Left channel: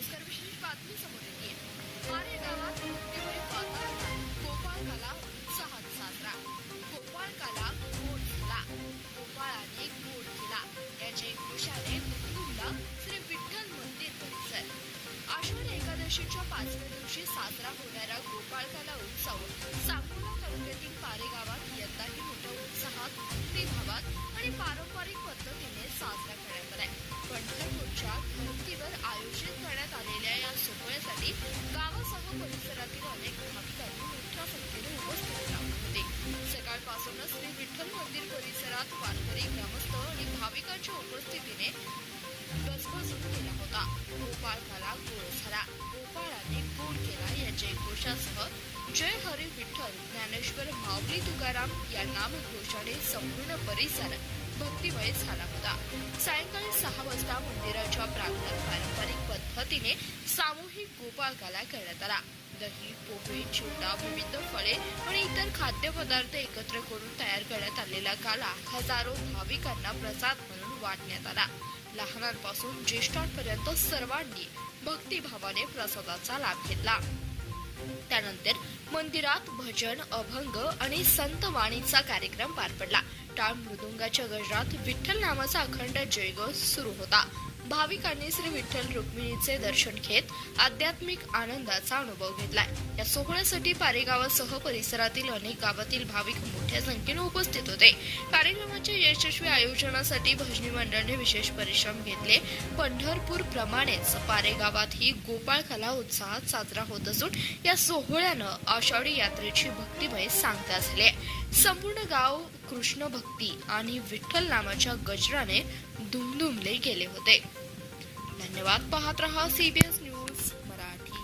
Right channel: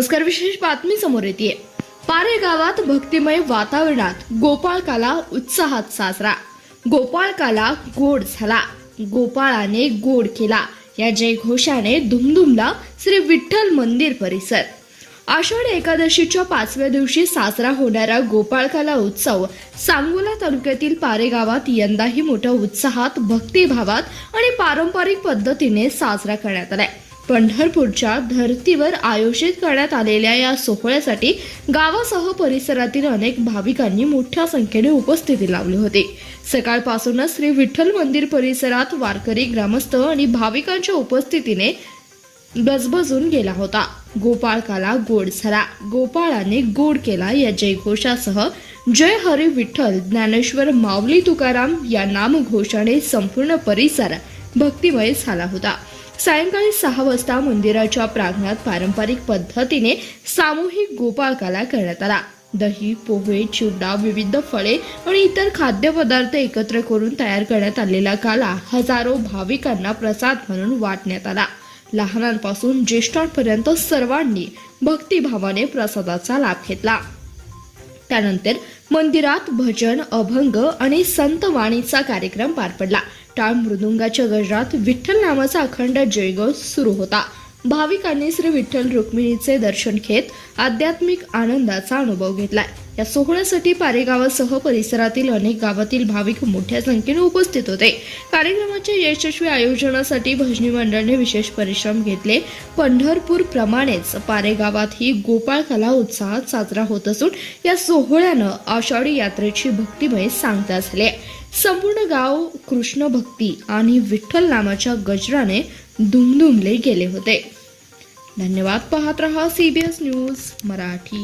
नमस्कार. विशेष बातमी समोर येते. पारे गावात भक्तिमय वातावरणात गोपाळकाला उत्साहात साजरा. गोपाळकाला गोड झाला, गोपाळाने गोड केला या जयघोषाने दुमदुमला श्री विठ्ठल मंदिर परिसर. आषाढी एकादशीच्या 5व्या दिवशी साजरा होणारा गोपाळकाला उत्सव सांगोला तालुक्यातील पारे गावात यंदाही मोठ्या उत्साहात, भक्तिभावात आणि पारंपरिक पद्धतीने साजरा करण्यात आलाय. पंढरपूरच्या धर्तीवर आयोजित करण्यात आलेल्या या सोहळ्यासाठी गावासह परिसरातील अनेक भाविकांनी मोठ्या संख्येने उपस्थिती लावली होती. सकाळपासूनच श्री विठ्ठल मंदिर परिसरात वारकरी, ग्रामस्थ आणि भाविकांच्या उपस्थितीने गजबजून गेला होता. गोपाळकाला गोड झाला, गोपाळाने गोड केला या जयघोषासह जय हरी विठ्ठल, ज्ञानेश्वर माऊली तुकाराम या नामघोषाने संपूर्ण परिसर भक्तिमय झाला होता. सायंकाळी 6 वाजता मंदिराच्या प्रांगणात पारंपरिक पद्धतीने सामूहिक गोपाळकाला करण्यात आला. दही, पोहे, चिवडा, विविध फळे आणि इतर खाद्यपदार्थ एकत्र करून तयार करण्यात आलेला काला हजारो भाविकांना प्रसाद म्हणून वाटण्यात आला. लहानांपासून ज्येष्ठांपर्यंत सर्वांनी भक्तिभावाने प्रसादाचा लाभ घेतला. त्यानंतर मंदिरात भजन, अभंग आणि संतवाणीचा कार्यक्रम पार पडला. टाळ मृदुंगाच्या गजरात विठ्ठल नामाचा अखंड जयघोष सुरू होता. भाविकांनी श्री विठ्ठल रुक्मिणीचे दर्शन घेत आध्यात्मिक आनंदाचा अनुभव घेतला. या सोहळ्यासाठी पारेगावासह परिसरातील अनेक गावातील भाविक मोठ्या संख्येने उपस्थित होते. कार्यक्रमाच्या यशस्वी आयोजनासाठी भजनी मंडळाने विशेष परिश्रम घेतले. पंढरपूर प्रमाणेच पारेगावातही गोपाळकाला उत्साहात साजरा होत असून या सोहळ्यानं आषाढी यात्रेची भक्तिमय सांगता झाली. संपूर्ण गाव कृष्ण भक्ती आणि विठ्ठल नामाच्या गजराने दुमदुमले गेले होते. धन्यवाद. पाहत रहा CBS न्यूज मराठी.